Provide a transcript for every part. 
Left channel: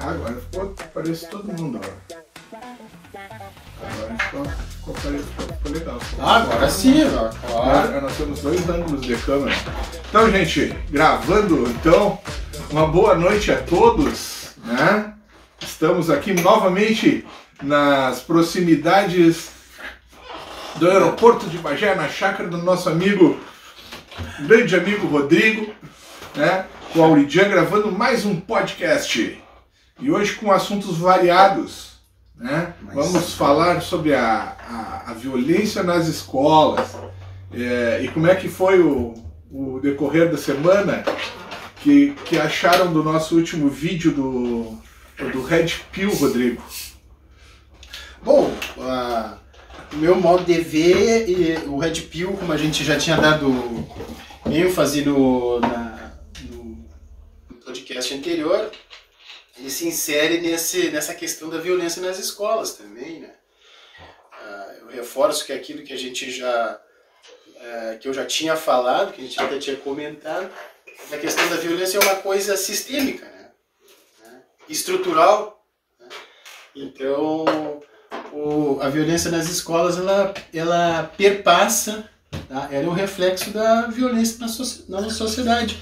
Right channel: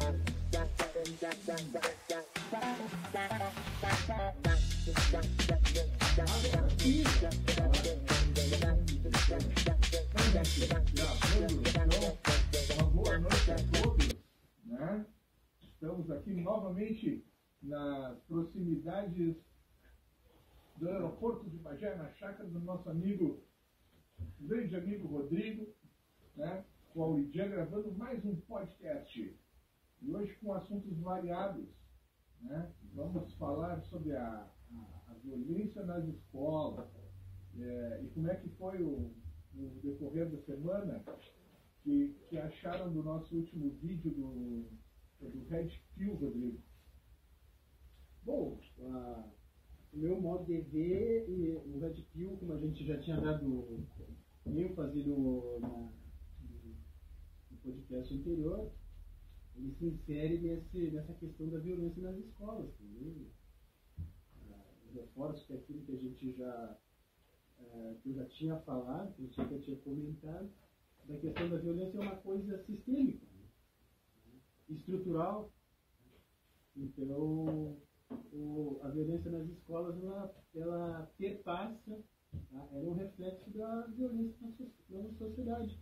Agora ficou, parece todo mundo. Agora ficou legal. Agora sim, Agora nós temos 2 ângulos de câmera. Então, gente, gravando, então, uma boa noite a todos, né? Estamos aqui novamente nas proximidades do aeroporto de Bagé, na chácara do nosso amigo, grande amigo Rodrigo, né? Com o Auridian gravando mais um podcast. E hoje com assuntos variados, né? Vamos falar sobre a violência nas escolas. E como é que foi o decorrer da semana que acharam do nosso último vídeo do Red Pill, Rodrigo? Bom, o meu modo de ver, e o Red Pill, como a gente já tinha dado ênfase no podcast anterior, ele se insere nessa questão da violência nas escolas também, né? Eu reforço que aquilo que a gente que eu já tinha falado, que a gente até tinha comentado, a questão da violência é uma coisa sistêmica, né? Estrutural, né? Então, a violência nas escolas, ela perpassa, tá? Ela é um reflexo da violência na sociedade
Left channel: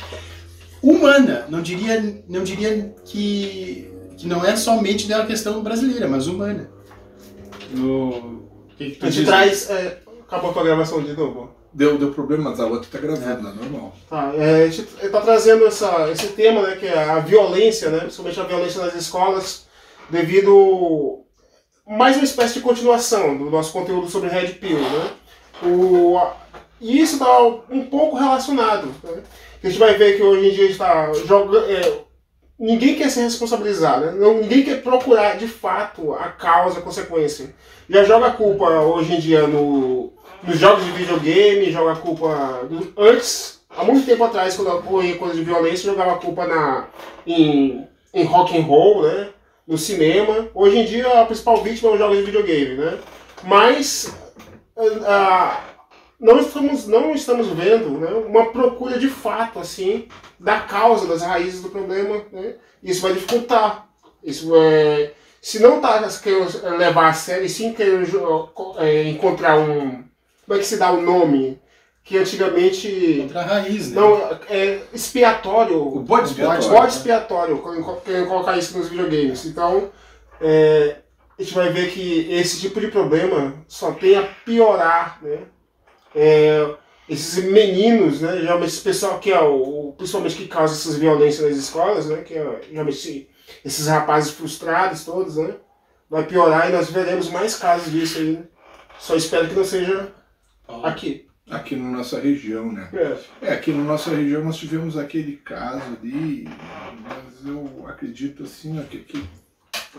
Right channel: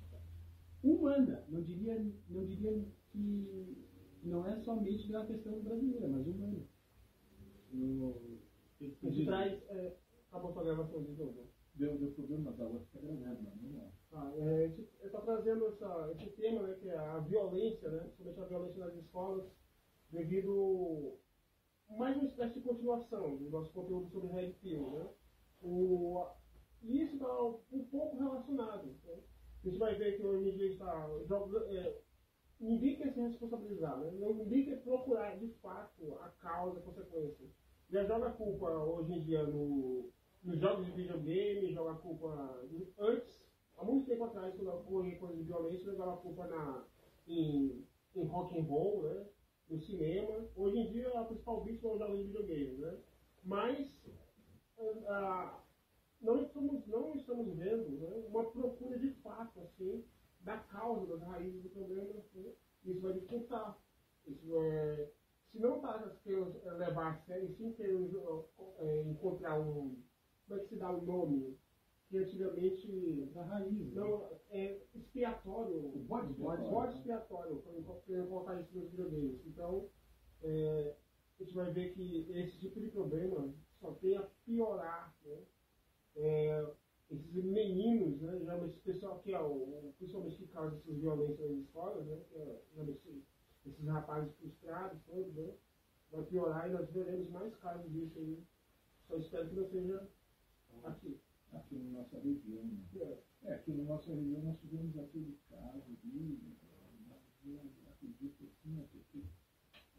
humana. Não diria que não é somente da questão brasileira, mas humana. A gente traz... acabou a tua gravação de novo? Deu problema, mas a outra tá gravando, é normal. Tá, a gente tá trazendo esse tema, né, que é a violência, né, principalmente a violência nas escolas, devido mais uma espécie de continuação do nosso conteúdo sobre Red Pill, né? E isso está um pouco relacionado, né? A gente vai ver que hoje em dia está jogando... ninguém quer ser responsabilizado, né? Ninguém quer procurar de fato a causa, a consequência. Já joga a culpa hoje em dia nos jogos de videogame, joga a culpa... Antes, há muito tempo atrás, quando ocorria coisa de violência, jogava a culpa em rock and roll, né? No cinema. Hoje em dia a principal vítima é os jogos de videogame, né? Mas não estamos vendo, né, uma procura de fato assim da causa, das raízes do problema, né? Isso vai dificultar. Se não está querendo levar a sério, e sim querendo encontrar como é que se dá o nome? Que antigamente... Contra a raiz, né? Não, expiatório. O bode expiatório. Bode expiatório, querendo colocar isso nos videogames. Então, a gente vai ver que esse tipo de problema só tem a piorar, né? Esses meninos, né? Geralmente esse pessoal que principalmente que causa essas violências nas escolas, né? Que geralmente esses rapazes frustrados todos, né? Vai piorar e nós veremos mais casos disso aí, né? Só espero que não seja aqui. Aqui na nossa região, né? Aqui na nossa região nós tivemos aquele caso ali, mas eu acredito assim, que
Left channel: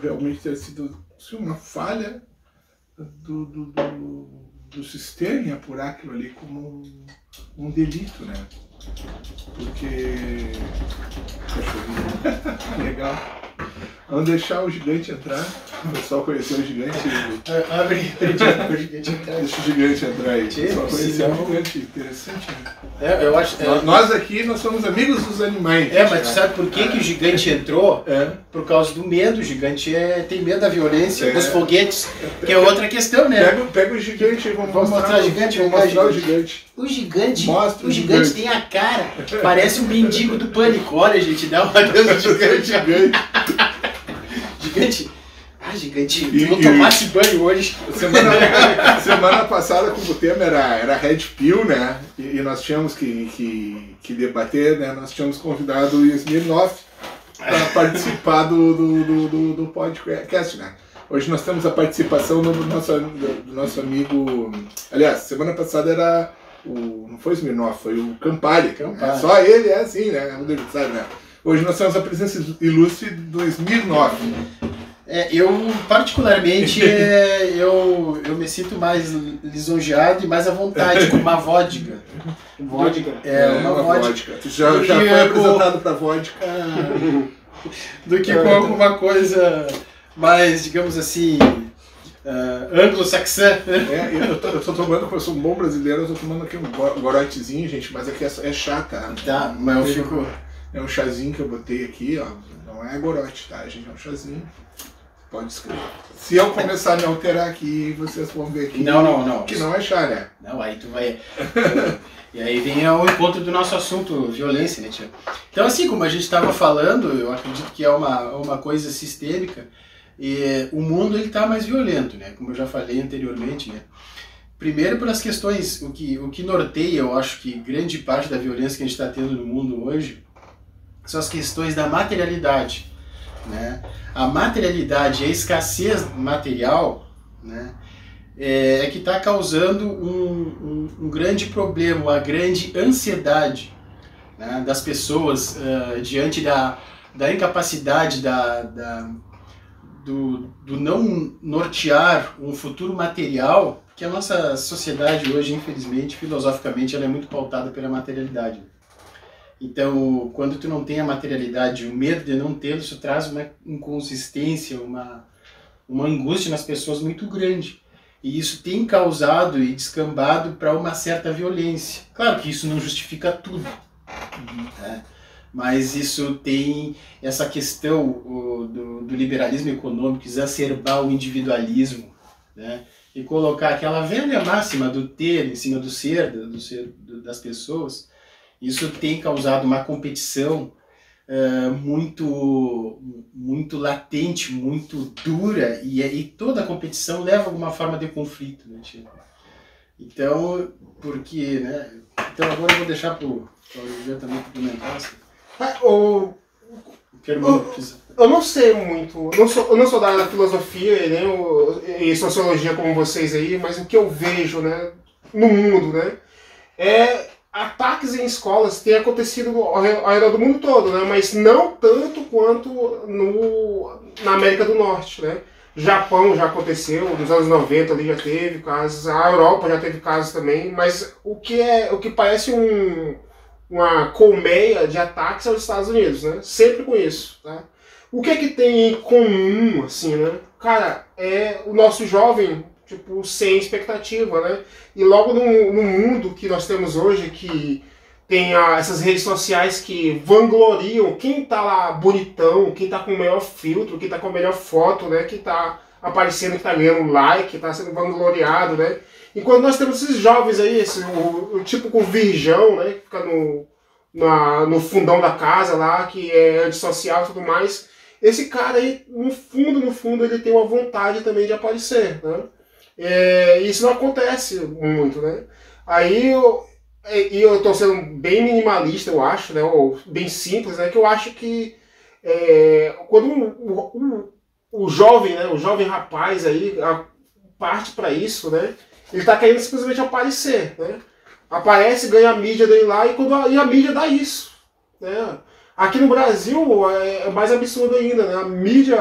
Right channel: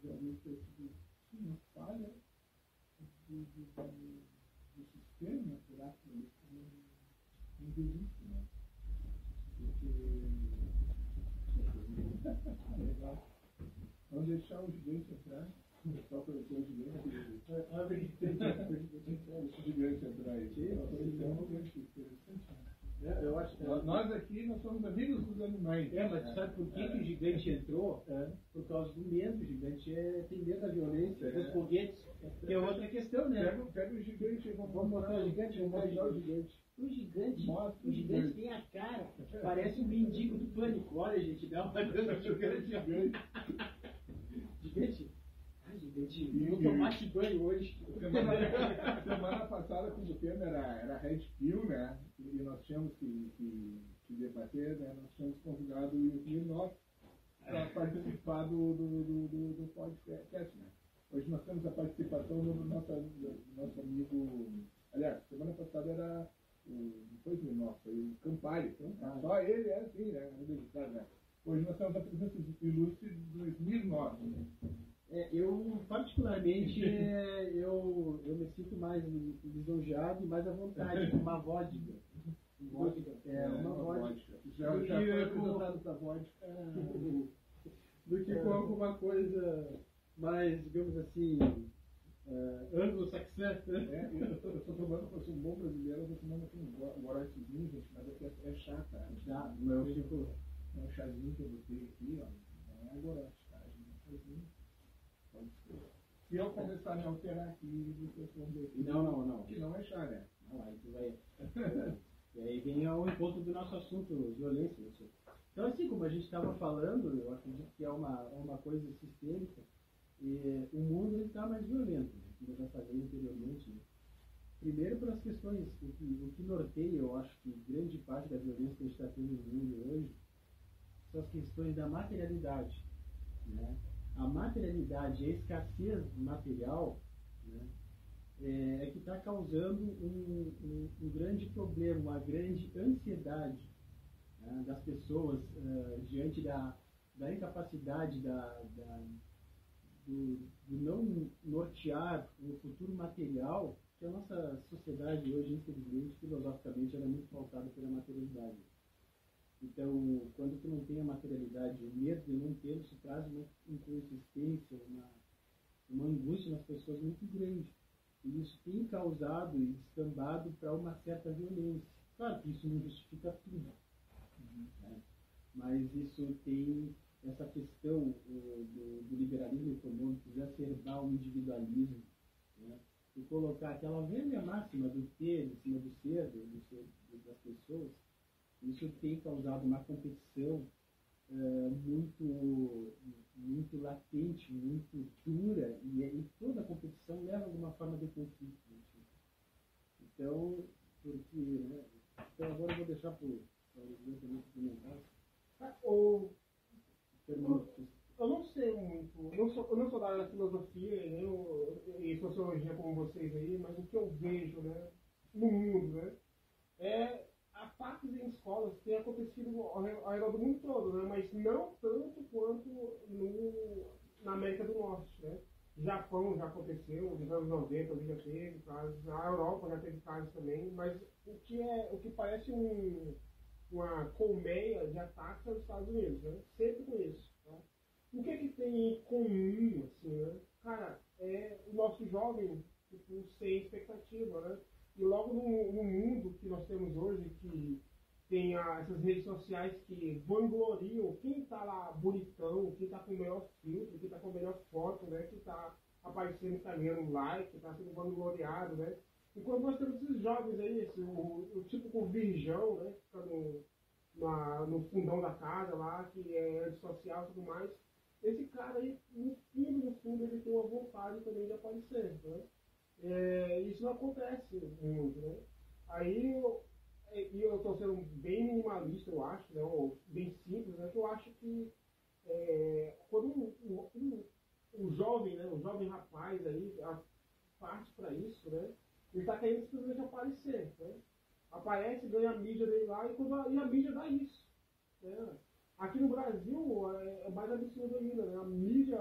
realmente ter sido assim, uma falha do sistema em apurar aquilo ali como um delito, né? Porque... Legal. Vamos deixar o gigante entrar. O pessoal conheceu o gigante. Abre o gigante entrar. Deixa o gigante entrar aí. O pessoal conheceu o gigante. Interessante, né? Eu acho, nós aqui, nós somos amigos dos animais. Mas tu sabe por que o gigante entrou? Por causa do medo. O gigante tem medo da violência, dos foguetes, que é outra questão, né? Pega o gigante e vamos mostrar o gigante. Vamos mostrar o gigante. O gigante, Mostra o gigante tem a cara, parece um mendigo do Pânico. Olha, gente, dá uma Deus do gigante. Gigante. Gigante, tu não tomasse banho hoje. Semana passada, como o tema era Red Pill, né? E nós tínhamos que debater, né? Nós tínhamos convidado o Smirnoff para participar do podcast, né? Hoje nós temos a participação do nosso amigo... Aliás, semana passada era não foi o Smirnoff, foi o Campari. Só ele é assim, né? Né? Hoje nós temos a presença ilustre do Smirnoff. Eu, particularmente, eu me sinto mais lisonjeado e mais à vontade com uma vodka. Vodka? Uma vodka. Tu já foi apresentado para vodka. Do que com alguma coisa mais, digamos assim, anglo-saxã. Eu tô tomando, como eu sou um bom brasileiro, eu tô tomando aqui um gorotezinho, gente, mas aqui é chá, tá? Tá, mas eu fico... É um chazinho que eu botei aqui, ó. Não é gorote, tá, gente? É um chazinho. Pode escrever. Se eu começar a me alterar aqui, vocês vão ver aqui Não. Que não é chá, né? Não, aí tu vai... E aí vem ao encontro do nosso assunto, violência, né, tia? Então, assim, como a gente estava falando, eu acredito que é uma coisa sistêmica, e o mundo ele tá mais violento, né? Como eu já falei anteriormente, né? Primeiro pelas questões, o que norteia, eu acho que grande parte da violência que a gente está tendo no mundo hoje, são as questões da materialidade, né? A materialidade, a escassez material, né, é que está causando um grande problema, uma grande ansiedade, né, das pessoas diante da incapacidade do não nortear um futuro material, que a nossa sociedade hoje, infelizmente, filosoficamente, ela é muito pautada pela materialidade. Então, quando tu não tem a materialidade, o medo de não tê-lo, isso traz uma inconsistência, uma angústia nas pessoas muito grande. E isso tem causado e descambado para uma certa violência. Claro que isso não justifica tudo, né? Mas isso tem essa questão do liberalismo econômico, exacerbar o individualismo, né? E colocar aquela velha máxima do ter em cima do ser das pessoas. Isso tem causado uma competição muito latente, muito dura, e toda a competição leva a alguma forma de conflito, né, Chico? Então, porque, né? Então agora eu vou deixar para o Oliveira também complementar. Assim. Eu não sei muito, eu não sou da área da filosofia e sociologia como vocês aí, mas o que eu vejo, né, no mundo, né, ataques em escolas têm acontecido ao redor do mundo todo, né? Mas não tanto quanto na América do Norte, né? Japão já aconteceu, nos anos 90 ali já teve casos, a Europa já teve casos também, mas o que parece uma colmeia de ataques aos Estados Unidos, né? Sempre com isso, tá? O que é que tem em comum, assim, né? Cara, é o nosso jovem, tipo, sem expectativa, né? E logo no mundo que nós temos hoje, que tem essas redes sociais que vangloriam quem tá lá bonitão, quem tá com o melhor filtro, quem tá com a melhor foto, né? Que tá aparecendo, que tá ganhando like, que tá sendo vangloriado, né? Enquanto nós temos esses jovens aí, o tipo com virgão, né? Que fica no fundão da casa lá, que é antissocial e tudo mais. Esse cara aí, no fundo, ele tem uma vontade também de aparecer, né? Isso não acontece muito, né? Aí eu tô sendo bem minimalista, eu acho, né? Ou bem simples, né? Que eu acho que quando o jovem, né? O jovem rapaz aí parte para isso, né? Ele tá querendo simplesmente aparecer, né? Aparece, ganha a mídia dele lá e a mídia dá isso, né? Aqui no Brasil é mais absurdo ainda, né? A mídia,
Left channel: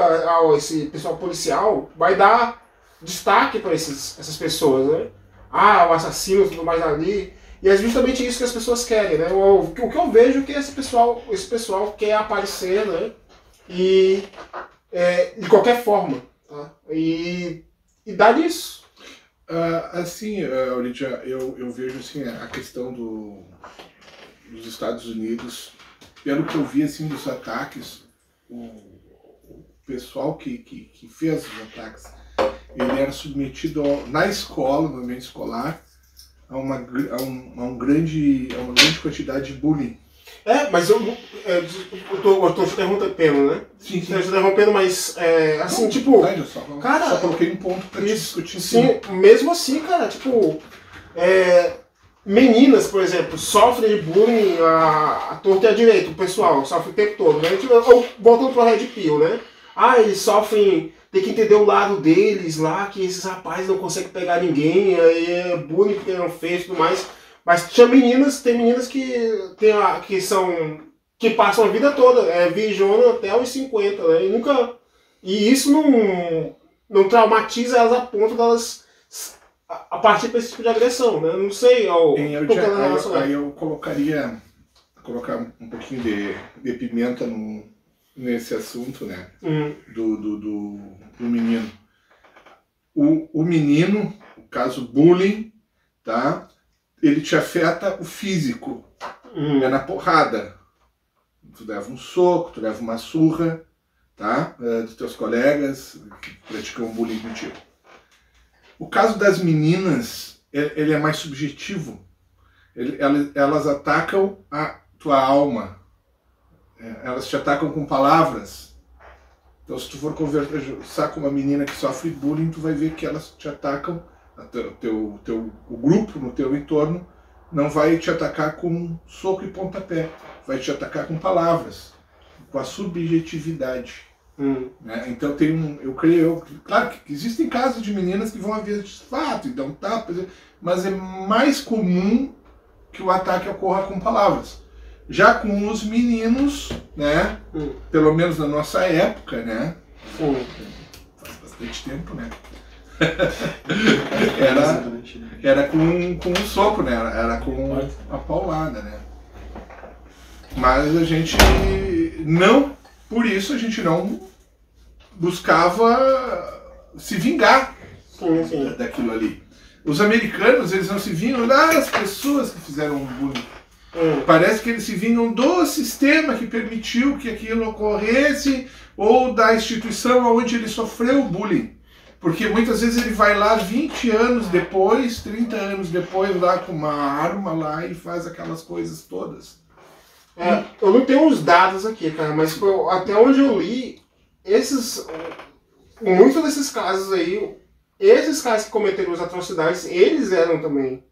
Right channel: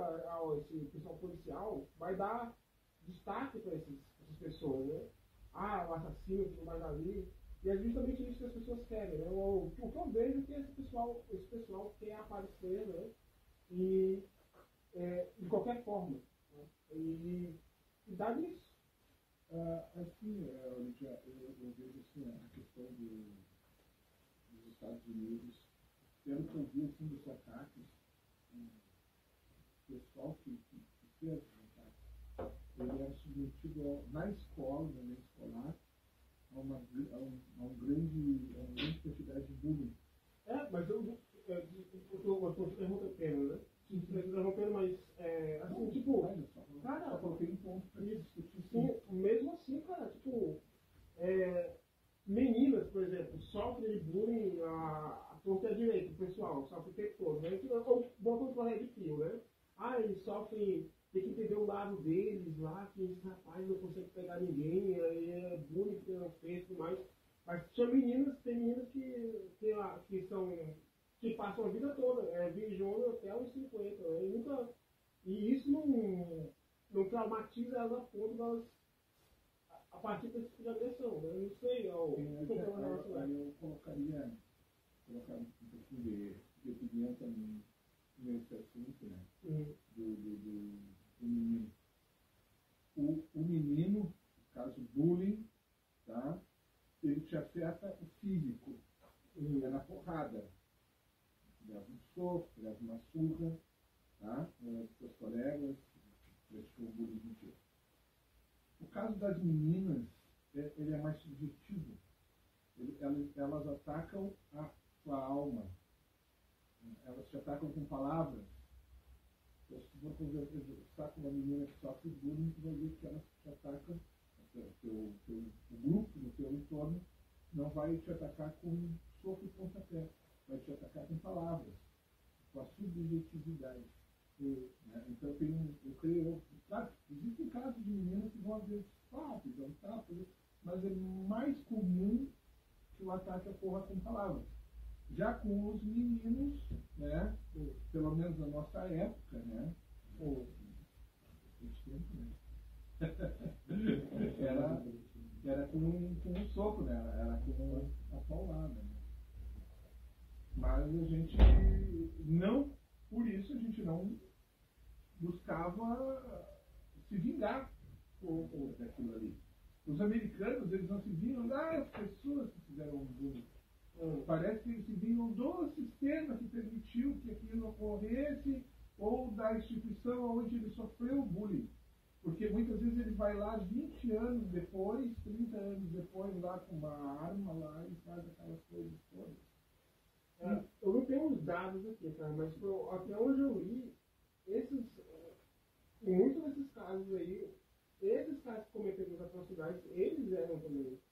esse pessoal policial vai dar destaque para essas pessoas, né? O assassino e tudo mais ali. E é justamente isso que as pessoas querem, né? O que eu vejo é que esse pessoal quer aparecer, né? E de qualquer forma, tá? E dá nisso. Assim, Lídia, eu vejo assim, a questão dos Estados Unidos, pelo que eu vi assim, dos ataques, o pessoal que fez os ataques, ele era submetido na escola, no ambiente escolar, a uma grande quantidade de bullying. Mas eu tô te interrompendo, né? Sim. Tô te interrompendo, mas assim, tipo... Cara, só coloquei um ponto pra te discutir. Sim, mesmo assim, cara, tipo... meninas, por exemplo, sofrem de bullying à torta e à direita, o pessoal sofre o tempo todo, né? Voltando pro Red Pill, né? Eles sofrem... Tem que entender o lado deles lá, que esses rapazes não conseguem pegar ninguém, aí é bullying que não fez e tudo mais. Mas tem meninas que passam a vida toda, virjona até os 50, né? E isso não traumatiza elas a ponto delas a partir desse tipo de agressão, né? Não sei. Aí eu colocar um pouquinho de pimenta nesse assunto, né? Do menino. o menino, o caso bullying, tá? Ele te afeta o físico, é na porrada. Tu leva um soco, tu leva uma surra, tá? Dos teus colegas que praticam bullying contigo. O caso das meninas, ele é mais subjetivo. Elas atacam a tua alma. Elas te atacam com palavras. Então, se tu for conversar com uma menina que sofre bullying, tu vai ver que elas te atacam, o grupo no teu entorno não vai te atacar com soco e pontapé, vai te atacar com palavras, com a subjetividade. Né? Então claro que existem casos de meninas que vão haver de fato e dão tapas, mas é mais comum que o ataque ocorra com palavras. Já com os meninos, né? Pelo menos na nossa época, né? Faz bastante tempo, né? era com um soco, né? Era com a paulada, né? Mas a gente não, por isso a gente não buscava se vingar daquilo ali. Os americanos, eles não se vingam das pessoas que fizeram um bullying. Parece que eles se vingam do sistema que permitiu que aquilo ocorresse ou da instituição onde ele sofreu o bullying. Porque muitas vezes ele vai lá 20 anos depois, 30 anos depois, lá com uma arma lá e faz aquelas coisas todas. Eu não tenho os dados aqui, cara, mas até onde eu li, muitos desses casos aí, esses caras que cometeram as atrocidades, eles eram também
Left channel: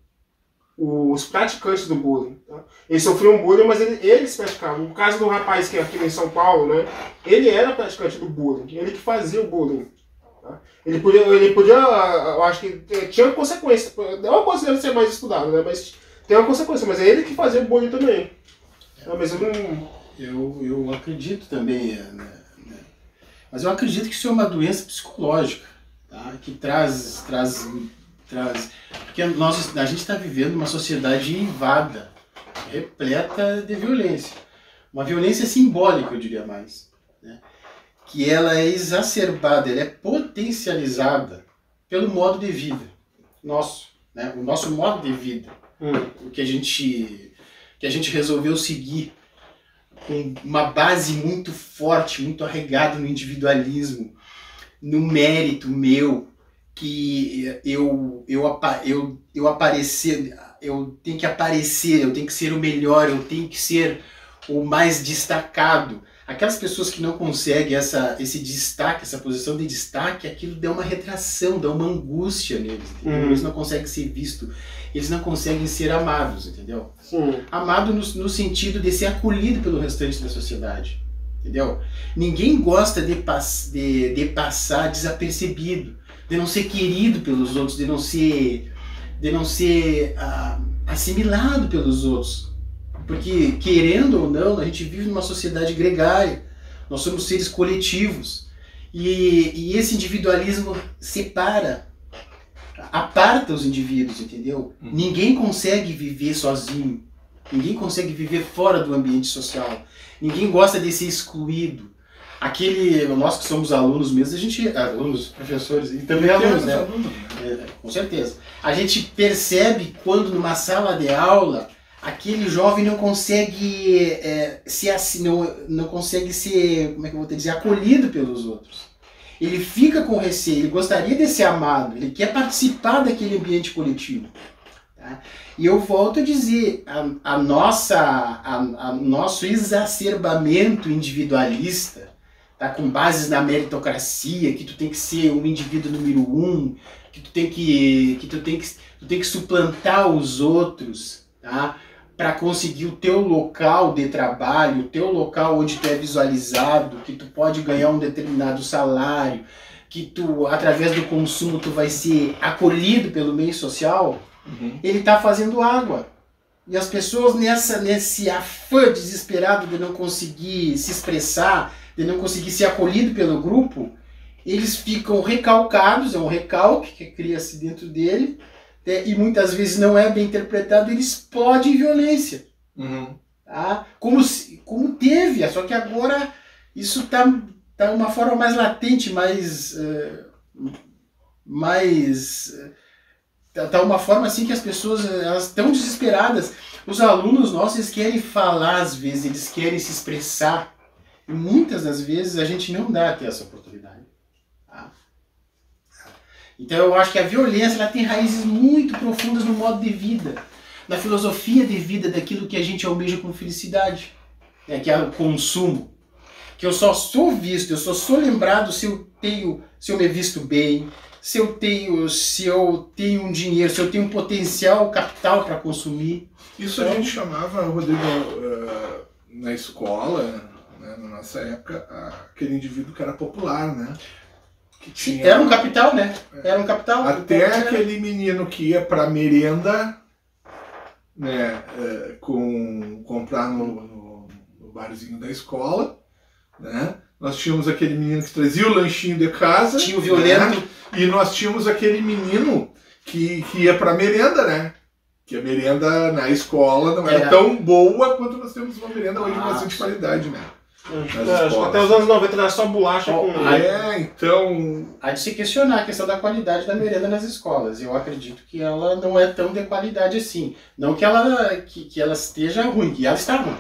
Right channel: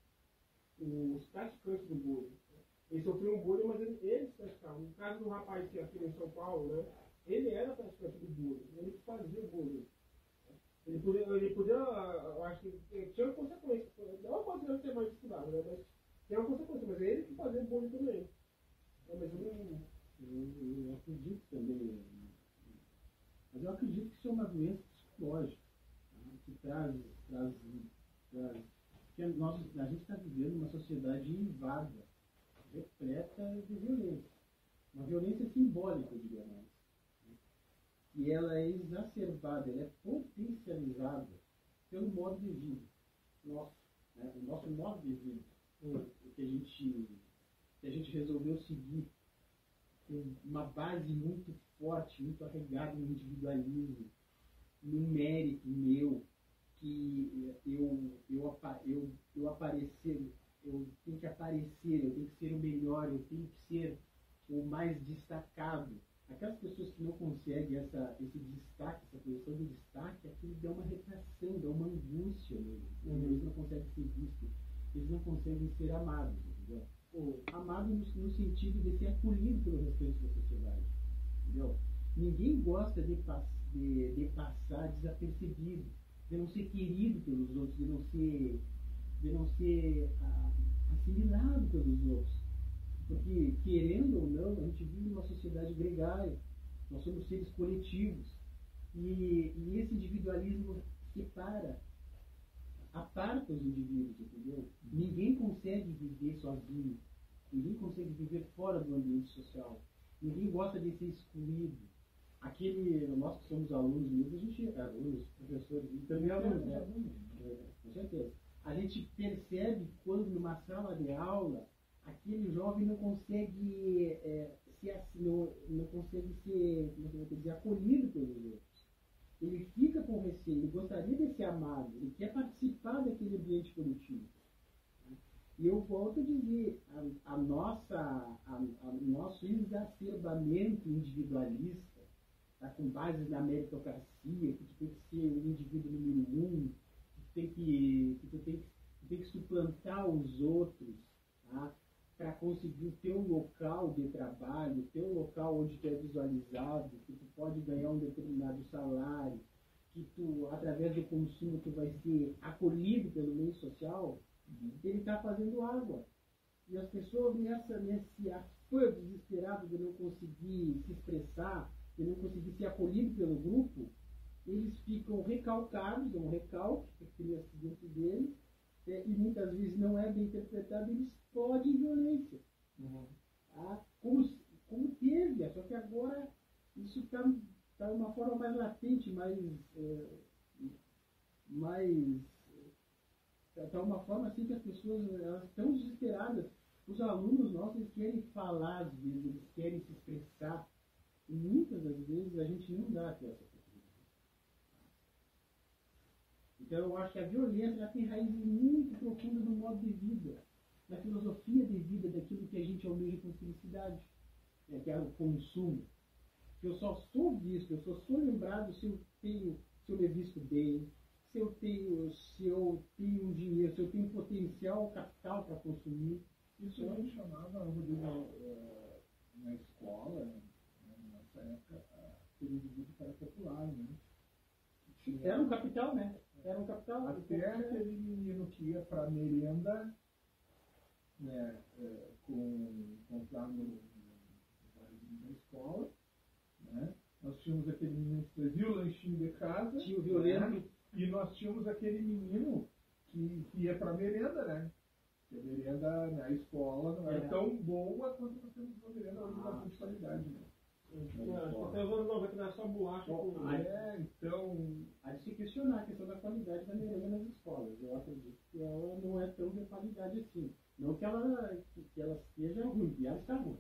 os praticantes do bullying. Tá? Eles sofriam bullying, mas eles praticavam. O caso do rapaz que é aqui em São Paulo, né? Ele era praticante do bullying, ele que fazia o bullying. Tá? Ele podia, eu acho que tinha consequência. É uma coisa que deve ser mais estudada, né? Mas tem uma consequência, mas é ele que fazia o bullying também. Mas eu acredito também, né? Mas eu acredito que isso é uma doença psicológica, tá? Que traz porque a gente está vivendo uma sociedade invada, repleta de violência. Uma violência simbólica, eu diria mais. Né? Que ela é exacerbada, ela é potencializada pelo modo de vida nosso. Né? O nosso modo de vida. O que a gente resolveu seguir com uma base muito forte, muito arraigada no individualismo, no mérito meu, que eu tenho que aparecer, eu tenho que ser o melhor, eu tenho que ser o mais destacado. Aquelas pessoas que não conseguem esse destaque, essa posição de destaque, aquilo dá uma retração, dá uma angústia neles. Eles não conseguem ser vistos, eles não conseguem ser amados, entendeu? Amado no sentido de ser acolhido pelo restante da sociedade, entendeu? Ninguém gosta de passar desapercebido, de não ser querido pelos outros, de não ser assimilado pelos outros. Porque, querendo ou não, a gente vive numa sociedade gregária, nós somos seres coletivos. E esse individualismo aparta os indivíduos, entendeu? Ninguém consegue viver sozinho, ninguém consegue viver fora do ambiente social, ninguém gosta de ser excluído. Nós que somos alunos mesmo, alunos, professores, e também alunos, né? Com certeza. A gente percebe quando numa sala de aula, aquele jovem não consegue não consegue ser, como é que eu vou te dizer, acolhido pelos outros. Ele fica com receio, ele gostaria de ser amado, ele quer participar daquele ambiente coletivo. Tá? E eu volto a dizer, nosso exacerbamento individualista, tá, com bases na meritocracia, que tu tem que ser um indivíduo número 1, que tu tem que suplantar os outros, tá, para conseguir o teu local de trabalho, o teu local onde tu é visualizado, que tu pode ganhar um determinado salário, que tu, através do consumo, tu vai ser acolhido pelo meio social, ele está fazendo água. E as pessoas nesse afã desesperado de não conseguir se expressar, de não conseguir ser acolhido pelo grupo, eles ficam recalcados, é um recalque que cria-se dentro dele, e muitas vezes não é bem interpretado, ele explode em violência. Tá? Como teve, só que agora isso está uma forma mais latente, mais mais... Tá uma forma assim que as pessoas elas estão desesperadas. Os alunos nossos eles querem falar às vezes, eles querem se expressar. E muitas das vezes a gente não dá até essa oportunidade. Tá? Então eu acho que a violência ela tem raízes muito profundas no modo de vida, na filosofia de vida daquilo que a gente almeja como felicidade, né? Que é o consumo. Que eu só sou visto, eu só sou lembrado se eu me visto bem, se eu tenho um dinheiro, se eu tenho um potencial capital para consumir. Isso então, a gente chamava, Rodrigo, na escola, né, na nossa época, aquele indivíduo que era popular, né? Que tinha, era um capital, né? Era um capital. Até aquele menino que ia para merenda, né, comprar no barzinho da escola, né? Nós tínhamos aquele menino que trazia o lanchinho de casa. Tinha o violento. Né? E nós tínhamos aquele menino que ia para merenda, né? Que a merenda na escola não era tão boa quanto nós temos uma merenda hoje de bastante qualidade, né? Acho que até os anos 90 era só bolacha com... então... Há de se questionar a questão da qualidade da merenda nas escolas. Eu acredito que ela não é tão de qualidade assim. Não que ela esteja ruim, que ela está ruim.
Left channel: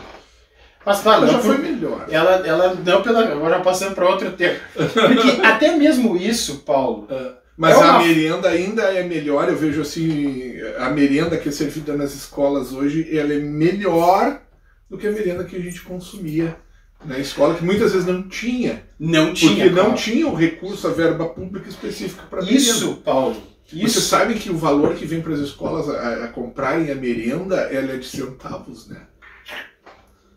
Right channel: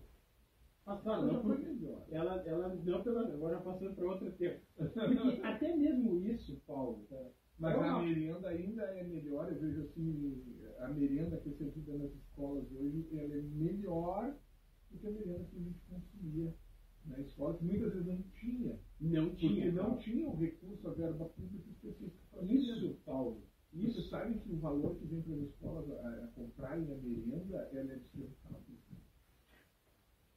Mas claro, ela já foi melhor. Ela não pela... Agora passando para outro tempo. Porque até mesmo isso, Paulo... Mas a merenda ainda é melhor, eu vejo assim, a merenda que é servida nas escolas hoje, ela é melhor do que a merenda que a gente consumia na escola, que muitas vezes não tinha. Não tinha, porque não tinha o recurso, a verba pública específica para merenda. Isso, Paulo. Isso. Você sabe que o valor que vem para as escolas a comprarem a merenda, ela é de centavos, né?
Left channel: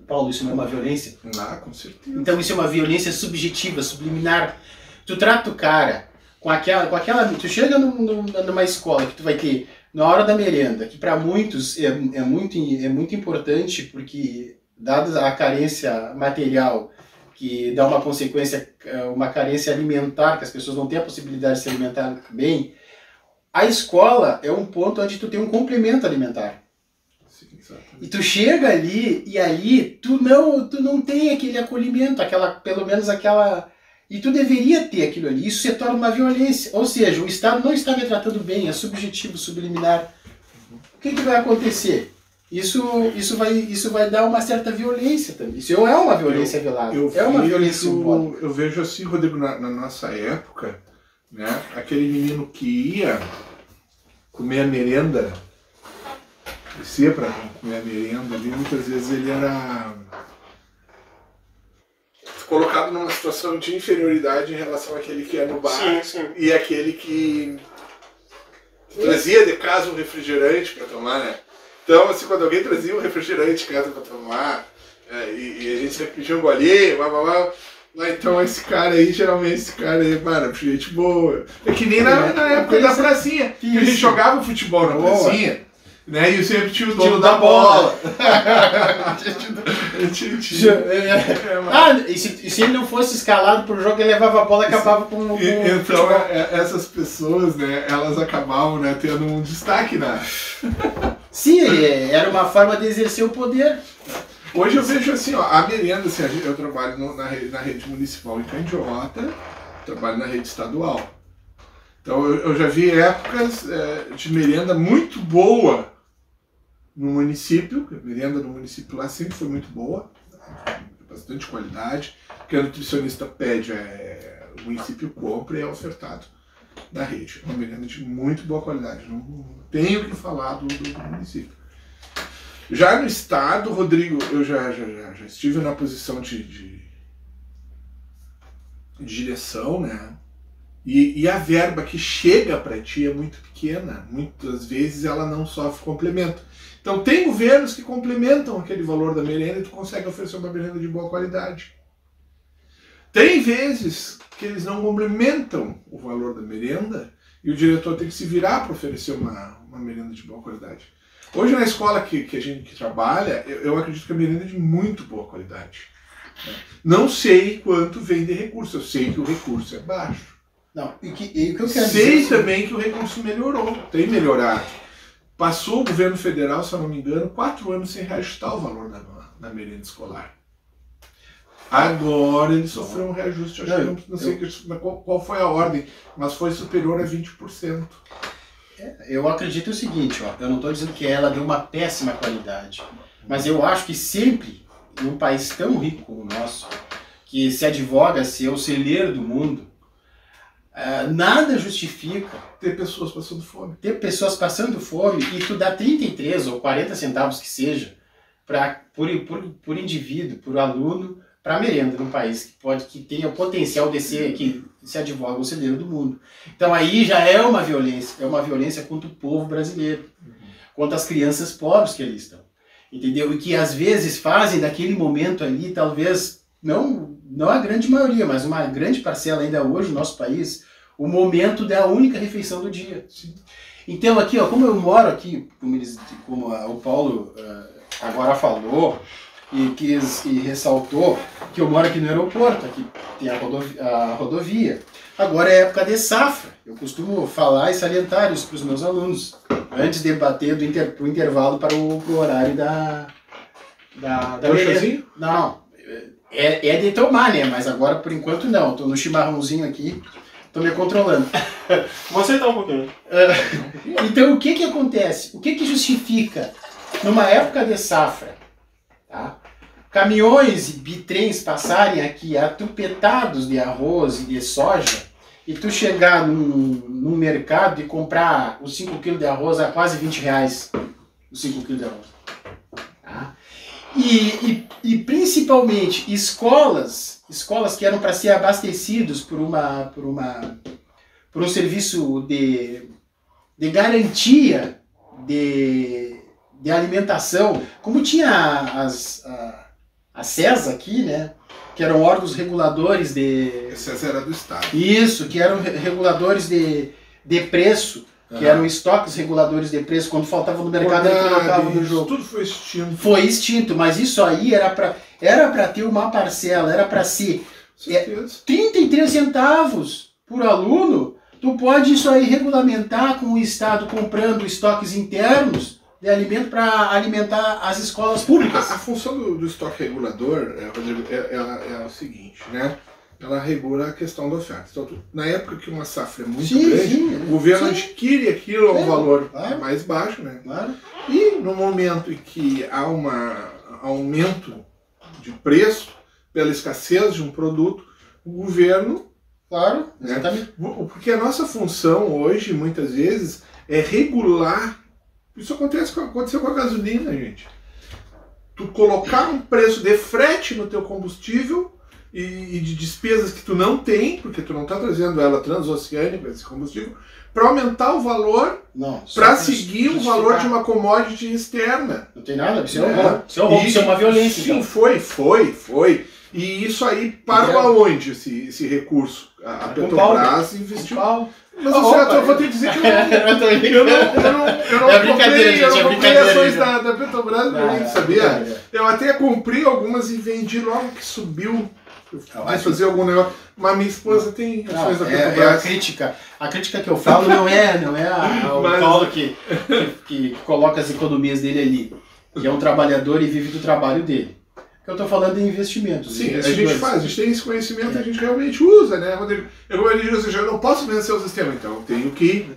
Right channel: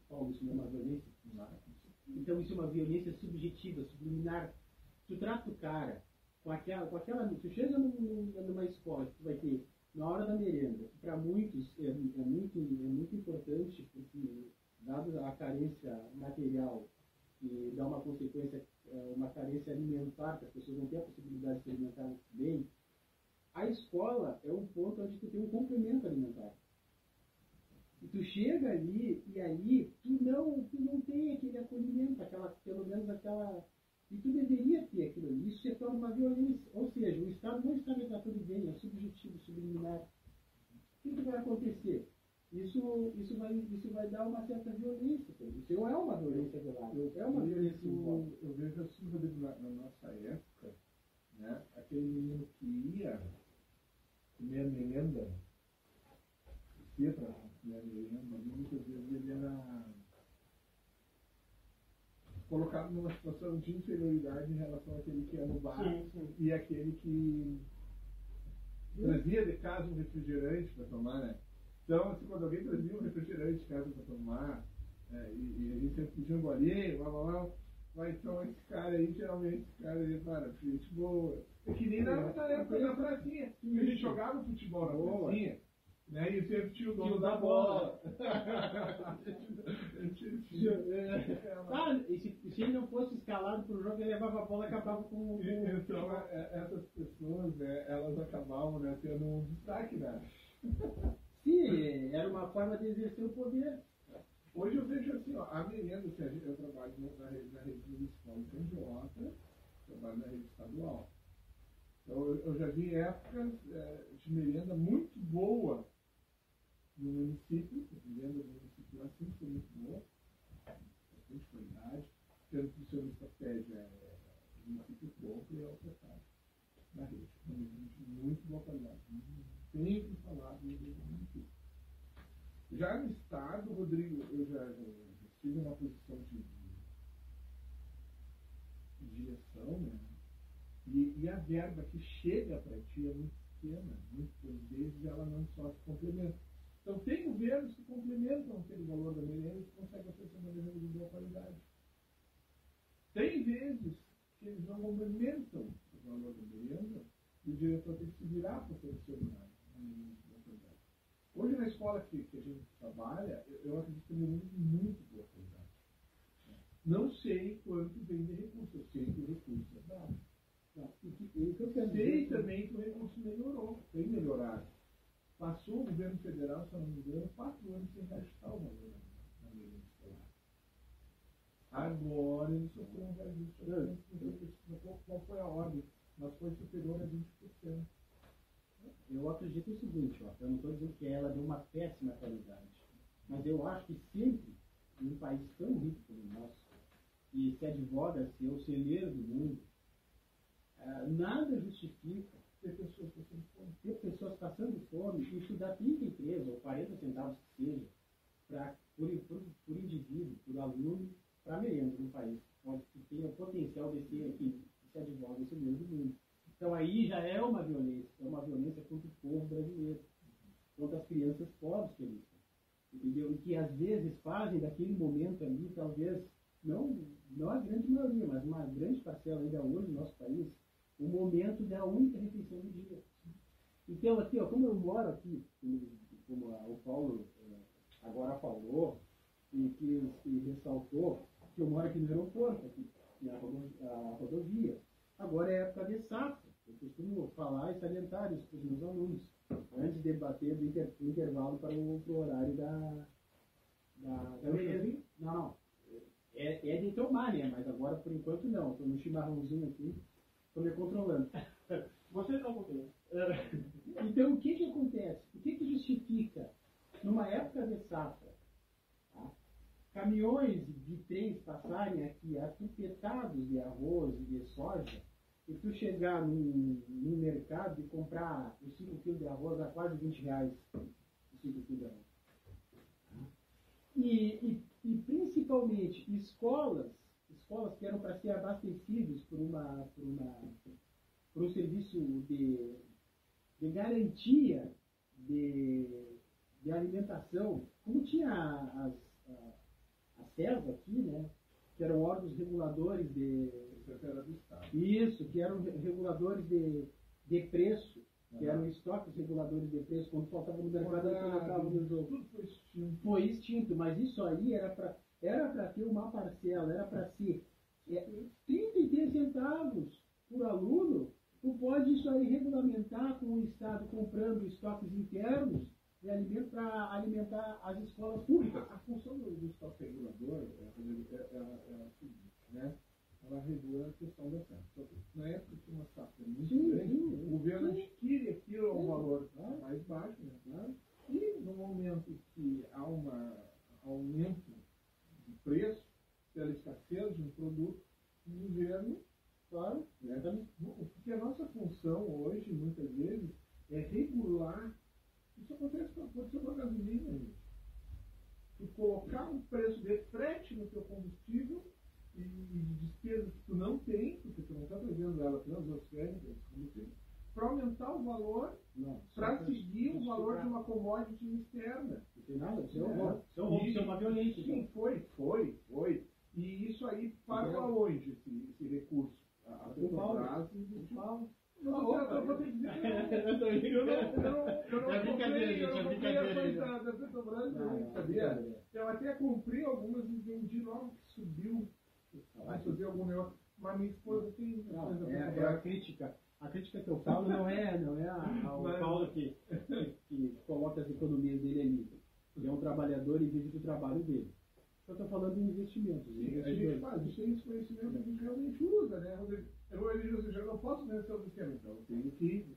Paulo, isso não é uma violência? Ah, com certeza. Então isso é uma violência subjetiva, subliminar. Tu trata o cara com aquela... Tu chega numa escola que tu vai ter, na hora da merenda, que para muitos é muito importante, porque, dada a carência material, que dá uma consequência, uma carência alimentar, que as pessoas não têm a possibilidade de se alimentar bem, a escola é um ponto onde tu tem um complemento alimentar. E tu chega ali, e ali tu não tem aquele acolhimento, pelo menos aquela... E tu deveria ter aquilo ali. Isso se torna uma violência. Ou seja, o Estado não está me tratando bem, é subjetivo, subliminar. O que vai acontecer? Isso vai dar uma certa violência também. Isso é uma violência velada. É uma violência simbólica. Eu vejo assim, Rodrigo, na nossa época, né, aquele menino que ia comer a merenda, descia para comer a merenda ali, muitas vezes ele era colocado numa situação de inferioridade em relação àquele que ia no bar. Sim. E aquele que trazia de casa um refrigerante para tomar, né? Então, assim, quando alguém trazia um refrigerante de casa para tomar, e a gente sempre pedia um golinho, então esse cara aí, geralmente mano, gente boa. É que nem na época da pracinha, que a gente jogava futebol na pracinha. Né? E sempre tinha o dono da bola. E se ele não fosse escalado pro jogo, ele levava a bola e acabava com então, essas pessoas, né, elas acabavam, né, tendo um destaque, né? Sim, era uma forma de exercer o poder. Hoje eu vejo assim, ó, a merenda, assim, eu trabalho na rede municipal em Candiota, trabalho na rede estadual. Então eu já vi épocas de merenda muito boa no município, a merenda no município lá sempre foi muito boa, bastante qualidade, que a nutricionista pede, o município compra e é ofertado na rede. Uma merenda de muito boa qualidade, não tenho o que falar do município. Já no estado, Rodrigo, eu já estive na posição de direção, né? E a verba que chega para ti é muito pequena, muitas vezes ela não sofre complemento. Então tem governos que complementam aquele valor da merenda e tu consegue oferecer uma merenda de boa qualidade. Tem vezes que eles não complementam o valor da merenda e o diretor tem que se virar para oferecer uma merenda de boa qualidade. Hoje na escola que a gente trabalha, eu acredito que a merenda é de muito boa qualidade. Não sei quanto vem de recurso, eu sei que o recurso é baixo. Não, e o que eu quero dizer... Sei também que o recurso melhorou, tem melhorado. Passou o governo federal, se eu não me engano, 4 anos sem reajustar o valor da merenda escolar. Agora ele sofreu um reajuste, acho que não sei qual foi a ordem, mas foi superior a 20%. Eu acredito o seguinte, ó, eu não estou dizendo que ela deu uma péssima qualidade, mas eu acho que sempre, num país tão rico como o nosso, que se advoga ser o celeiro do mundo, nada justifica ter pessoas passando fome. Ter pessoas passando fome e tu dá 33 ou 40 centavos que seja por indivíduo, por aluno, para merenda num país que tenha o potencial de ser, que se advoga o celeiro do mundo. Então aí já é uma violência contra o povo brasileiro, contra as crianças pobres que ali estão, entendeu? E que às vezes fazem daquele momento ali, talvez, não a grande maioria, mas uma grande parcela ainda hoje no nosso país, o momento da única refeição do dia. Sim. Então aqui, ó, como eu moro aqui, como o Paulo agora falou, e ressaltou que eu moro aqui no aeroporto, aqui tem a rodovia. Agora é época de safra. Eu costumo falar e salientar isso para os meus alunos, antes de bater pro intervalo para o horário da chazinho? Não, é de tomar, né? Mas agora, por enquanto, não. Estou no chimarrãozinho aqui, estou me controlando. Vou aceitar um pouquinho. Então, o que acontece? O que justifica, numa época de safra, tá? Caminhões e bitrens passarem aqui atupetados de arroz e de soja, e tu chegar num mercado e comprar os 5 kg de arroz a quase R$20, os 5 kg de arroz. Tá? E principalmente escolas que eram para ser abastecidos por um serviço de garantia de alimentação, como tinha a CESA aqui, né? Que eram órgãos reguladores de... A CESA era do Estado. Isso, que eram reguladores de preço, que eram estoques reguladores de preço, quando faltavam no mercado eles colocavam no jogo. Tudo foi extinto. Foi extinto, mas isso aí era para ter uma parcela, era para ser 33 centavos por aluno. Tu pode isso aí regulamentar com o Estado comprando estoques internos de alimento para alimentar as escolas públicas. A função do estoque regulador, Rodrigo, é o seguinte, né? Ela regula a questão da oferta. Então, na época que uma safra é muito grande, o governo adquire aquilo a um valor mais baixo, né? Claro. E no momento em que há um aumento de preço pela escassez de um produto, o governo... Claro, exatamente. Né? Porque a nossa função hoje, muitas vezes, é regular. Isso aconteceu com a gasolina, gente. Tu colocar um preço de frete no teu combustível e de despesas que tu não tem, porque tu não está trazendo ela transoceânica, esse combustível, para aumentar o valor, para seguir o valor de uma commodity externa. Não tem nada, isso é um roubo. Isso é uma violência. Sim, então. foi. E isso aí parou aonde, esse recurso? A Petrobras investiu... Mas eu vou te dizer que eu não comprei ações da Petrobras, não sabia? Eu até comprei algumas e vendi logo que subiu. Eu quis fazer algum negócio. Mas minha esposa tem ações da Petrobras. A crítica que eu falo não é o Paulo que coloca as economias dele ali, que é um trabalhador e vive do trabalho dele. Eu estou falando em investimentos. Sim, a gente tem esse conhecimento, a gente realmente usa, né, Rodrigo? Eu digo, eu não posso vencer o sistema, então eu tenho que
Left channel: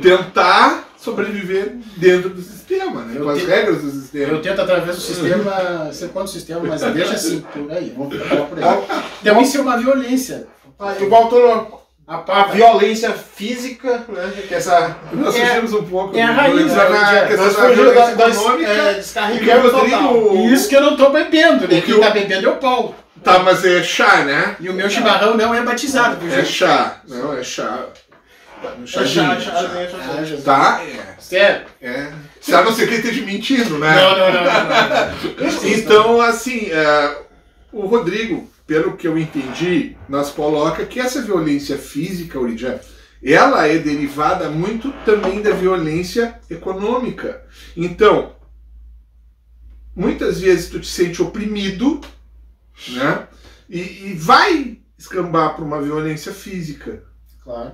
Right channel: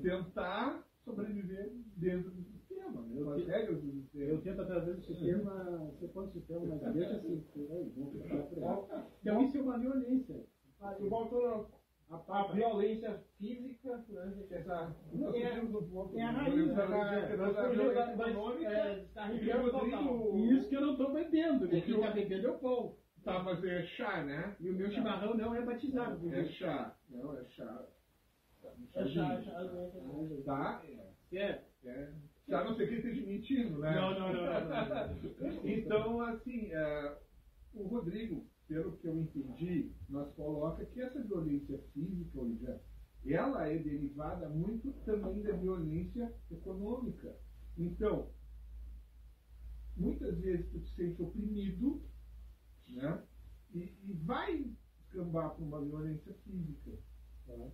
tentar sobreviver dentro do sistema, né, com as regras do sistema. Eu tento através do sistema, ser contra o sistema, mas deixa assim, por aí, vamos falar por aí. Então isso é uma violência. Igual a violência física, né? Que nós fugimos um pouco. É a raiz da questão da violência econômica. Descarregamos total. E isso que eu não estou bebendo, né? Quem está bebendo é o Paulo. Tá, mas é chá, né? E o meu chimarrão não é batizado. É chá, não é chá. Chá. Tá? Sério? Se a não ser que ele esteja mentindo, né? Não. Então, assim, o Rodrigo, pelo que eu entendi, nos coloca que essa violência física, Oridian, ela é derivada muito também da violência econômica. Então, muitas vezes tu te sente oprimido, né? E vai escambar para uma violência física. Claro.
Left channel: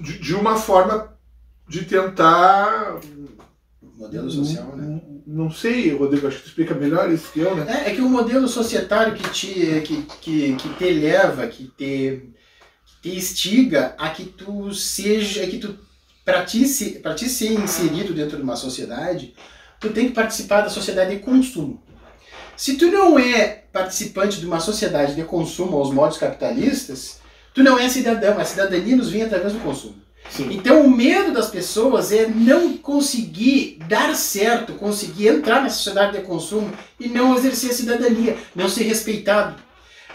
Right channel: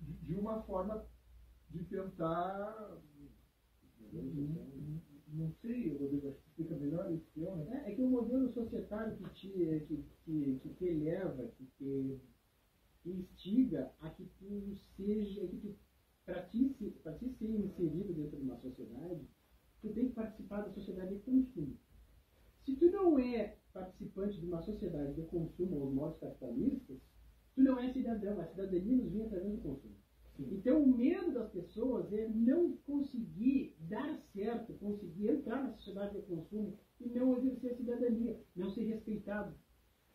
De uma forma de tentar Modelo social, né? Não sei, Rodrigo, acho que tu explica melhor isso que eu, né? É que o modelo societário que te leva, que te instiga a que tu seja, para ti ser inserido dentro de uma sociedade, tu tem que participar da sociedade de consumo. Se tu não é participante de uma sociedade de consumo aos moldes capitalistas, tu não é cidadão. A cidadania nos vem através do consumo. Sim. Então o medo das pessoas é não conseguir dar certo, conseguir entrar na sociedade de consumo e não exercer a cidadania, não ser respeitado.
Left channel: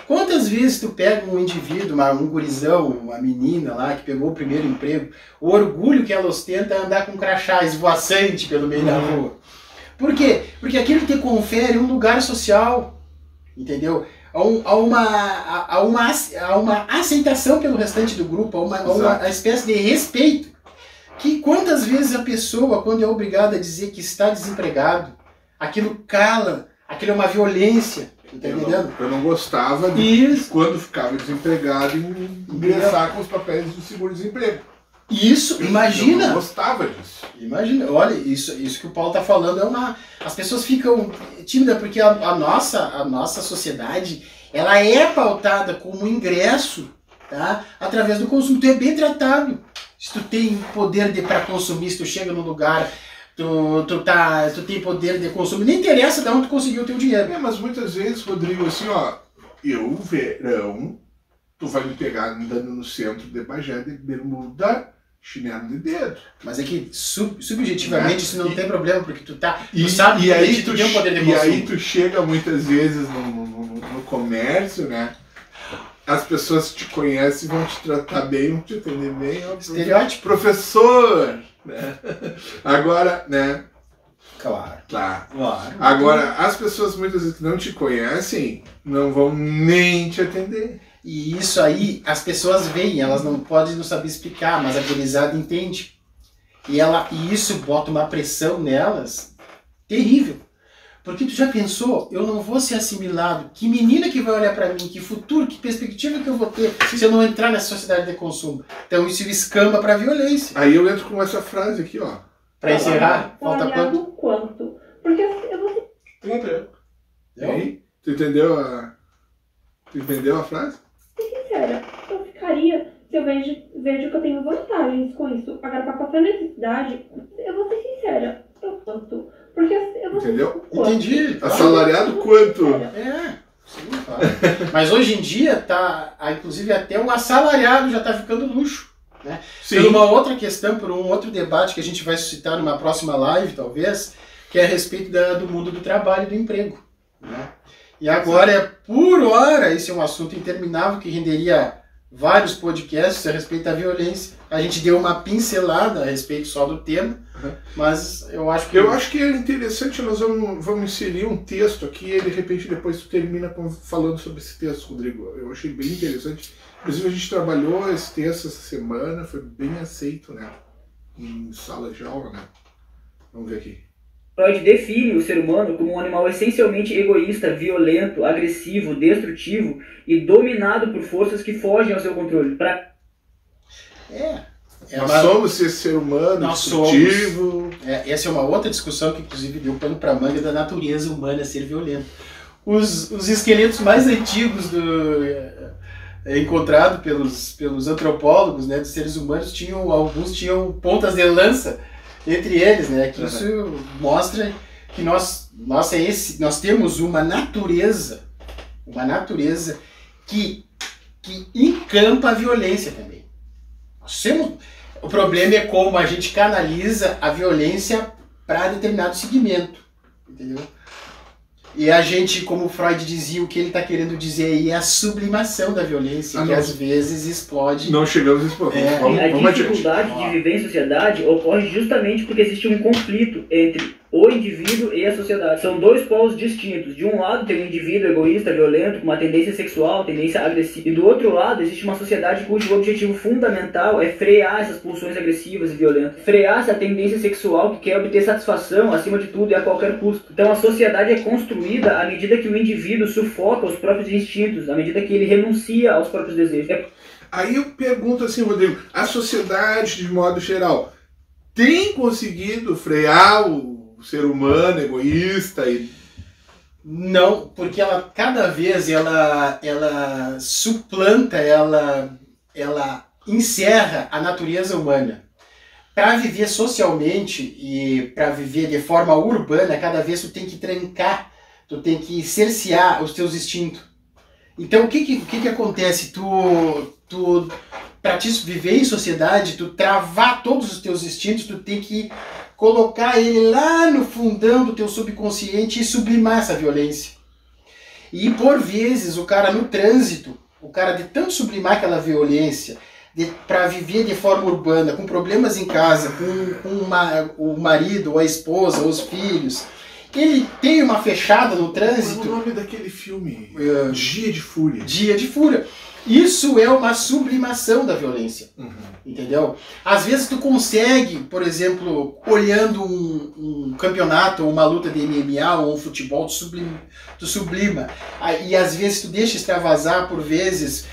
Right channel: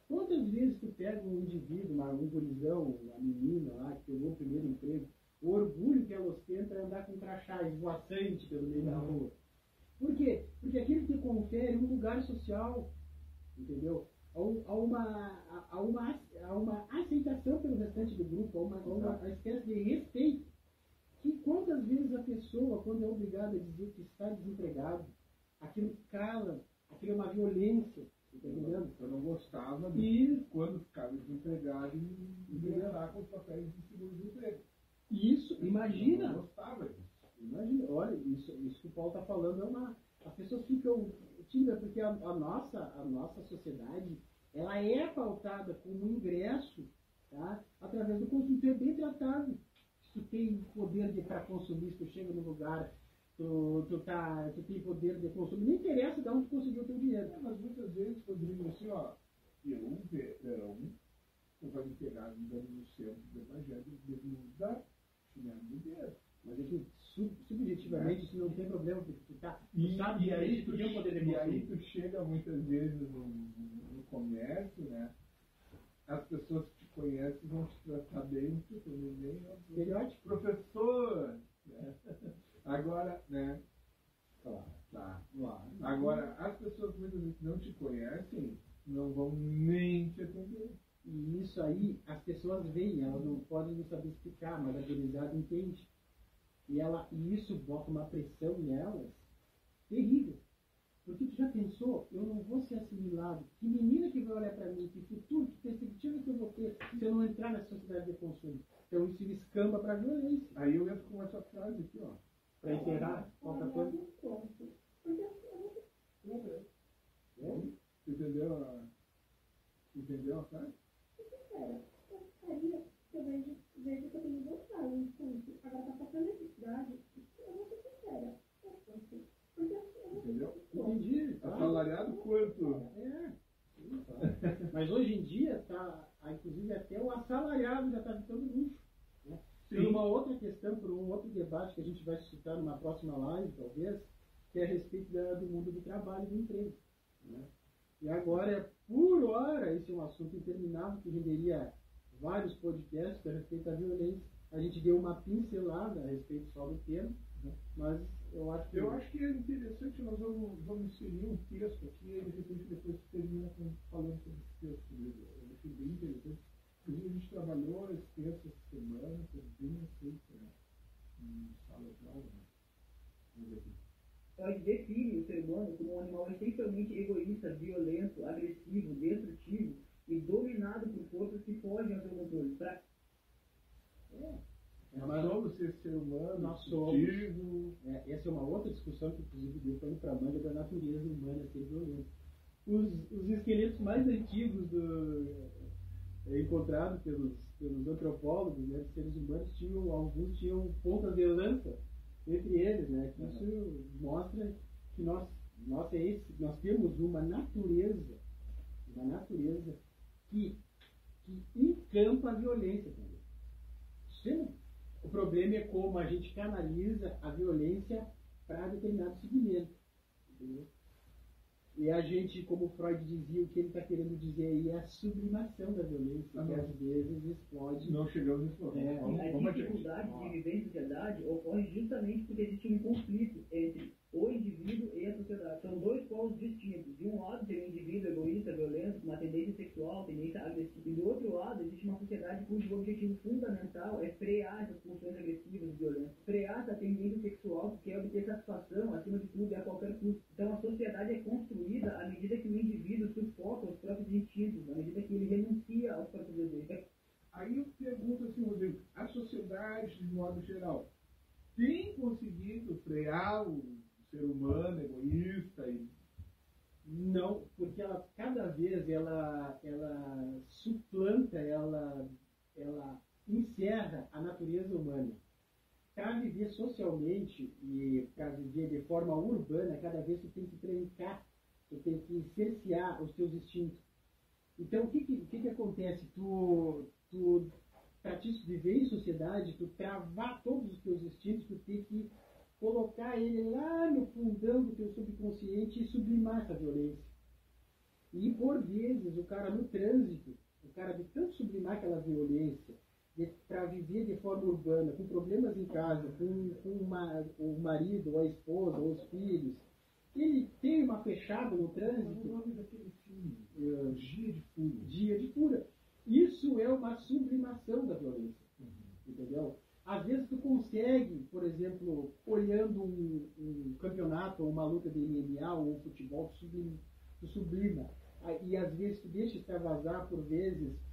Quantas vezes tu pega um indivíduo, um gurizão, uma menina lá que pegou o primeiro emprego, o orgulho que ela ostenta é andar com um crachá esvoaçante pelo meio da rua. Por quê? Porque aquilo te confere um lugar social, entendeu? Há uma aceitação pelo restante do grupo, há uma espécie de respeito. Que quantas vezes a pessoa, quando é obrigada a dizer que está desempregado, aquilo cala, aquilo é uma violência, tá entendendo? Eu não gostava de, quando ficava desempregado, ingressar com os papéis do seguro-desemprego. Isso, imagina! Eu não gostava disso. Imagina, olha, isso que o Paulo está falando as pessoas ficam tímidas porque a nossa sociedade, ela é pautada como ingresso, tá? Através do consumo. Tu é bem tratado. Se tu tem poder para consumir, se tu chega num lugar, tu tem poder de consumir, nem interessa de onde tu conseguiu o teu dinheiro. Mas muitas vezes, Rodrigo, assim, ó, verão, tu vai me pegar andando no centro de Bagé de bermuda, chinelo de dedo. Mas é que subjetivamente isso não tem problema, porque tu E sabe que aí tu tem um poder de consumo. E aí tu chega muitas vezes no comércio, né? As pessoas te conhecem, vão te tratar bem, vão te atender bem. Estereótipo. Professor! Né? Agora, né? Claro. Agora, as pessoas muitas vezes que não te conhecem, não vão nem te atender. E isso aí, as pessoas veem, elas não podem não saber explicar, mas a gurizada entende. E isso bota uma pressão nelas terrível. Porque tu já pensou, eu não vou ser assimilado, que menina que vai olhar pra mim, que futuro, que perspectiva que eu vou ter se eu não entrar nessa sociedade de consumo. Então isso escamba pra violência. Aí eu entro com essa frase aqui, ó. Pra encerrar, falta quanto? Porque eu vou... 30. E aí? Tu entendeu a frase? Sincera, eu ficaria se eu vejo que eu tenho vantagens com isso. Agora, pra passar necessidade, eu vou ser sincera, eu quanto. Porque eu vou Entendeu? ser quanto. Entendi. Assalariado quanto? Sim, claro. Mas hoje em dia, inclusive até o assalariado já tá ficando luxo. Né? Sim. Por uma outra questão, por um outro debate que a gente vai suscitar numa próxima live, talvez, que é a respeito do mundo do trabalho e do emprego. Né? E agora, por hora, esse é um assunto interminável que renderia vários podcasts a respeito da violência. A gente deu uma pincelada a respeito só do tema, mas eu acho que... Eu acho que é interessante, nós vamos inserir um texto aqui e de repente depois tu termina falando sobre esse texto, Rodrigo. Eu achei bem interessante. Inclusive a gente trabalhou esse texto essa semana, foi bem aceito, né? Em sala de aula, né? Vamos ver aqui. Freud define o ser humano como um animal essencialmente egoísta, violento, agressivo, destrutivo e dominado por forças que fogem ao seu controle. Nós somos esse ser humano destrutivo. Essa é uma outra discussão que inclusive deu pano para manga da natureza humana ser violenta. Os esqueletos mais antigos encontrados pelos antropólogos, né, dos seres humanos, alguns tinham pontas de lança entre eles, né? Que isso mostra que nós temos uma natureza que encampa a violência também. O problema é como a gente canaliza a violência para determinado segmento, entendeu? E a gente, como Freud dizia, o que ele está querendo dizer aí é a sublimação da violência, que às vezes explode. Não chegamos a esse ponto. A dificuldade de viver em sociedade ocorre justamente porque existe um conflito entre o indivíduo e a sociedade. São dois polos distintos. De um lado tem um indivíduo egoísta, violento, com uma tendência sexual, tendência agressiva. E do outro lado existe uma sociedade cujo objetivo fundamental é frear essas pulsões agressivas e violentas. Frear essa tendência sexual que quer obter satisfação acima de tudo e a qualquer custo. Então a sociedade é construída à medida que o indivíduo sufoca os próprios instintos, à medida que ele renuncia aos próprios desejos. Aí eu pergunto assim, Rodrigo, a sociedade de modo geral tem conseguido frear o ser humano egoísta e... Não, porque ela cada vez ela suplanta, ela encerra a natureza humana. Para viver socialmente e para viver de forma urbana, cada vez tu tem que trancar, tu tem que cercear os teus instintos. Então o que acontece? Tu para te viver em sociedade, tu travar todos os teus instintos, tu tem que colocar ele lá no fundão do teu subconsciente e sublimar essa violência. E por vezes o cara no trânsito, o cara de tanto sublimar aquela violência, para viver de forma urbana, com problemas em casa, com o marido, ou a esposa, ou os filhos, ele tem uma fechada no trânsito. Qual é o nome daquele filme? Dia de Fúria. Dia de Fúria. Isso é uma sublimação da violência. Entendeu? Às vezes tu consegue, por exemplo, olhando um campeonato, ou uma luta de MMA, ou um futebol, tu sublima. E às vezes tu deixa extravasar, por vezes,